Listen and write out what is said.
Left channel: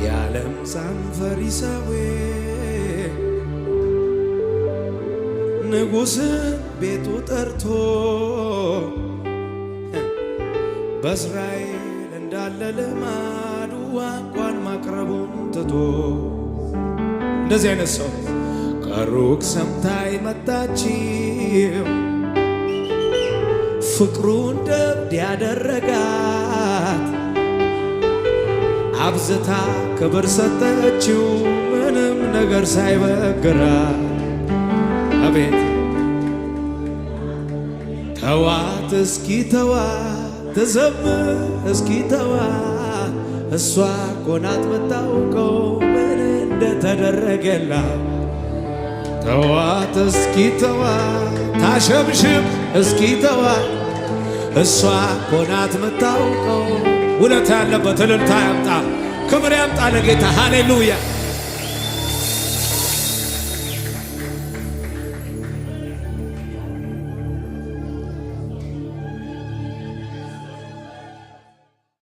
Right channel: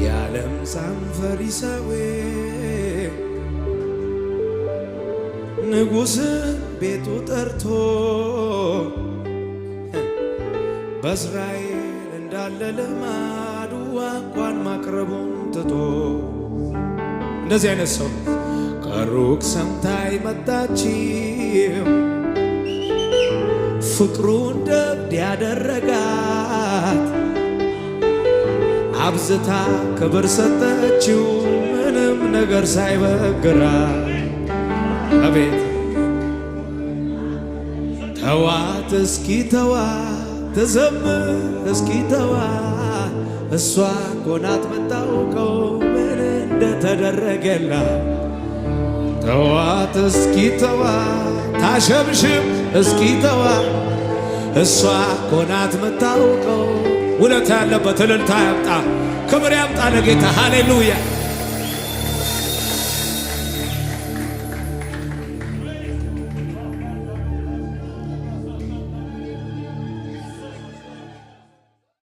የዓለም ዛም ፈሪሳዊ ንጉሥን ቤቱ ጠርቶ በእስራኤል እንዳለ ልማዱ እንኳን ማቅረቡን ትቶ እንደዚህ አይነት ሰው ከሩቅ ሰምታይ መጣችው ፍቅሩን ደብድ ያደረጋት አብዝታ ክብር ሰጠችው ምንም ነገር ሳይበግራት አቤት ተዋት እስኪ ተዋት ትዘምር እስኪ ተዋት እሷ እኮ ናት የምታውቀው ምን እንደተደረገላት ተዋት እስኪ ተዋት ታሸብሽብ እስኪ ተዋት እሷ እኮ ናት የምታውቀው ውለታ ያለበት እልልታ ያምጣ ክብር ያምጣ ለጌታ ሃሌሉያ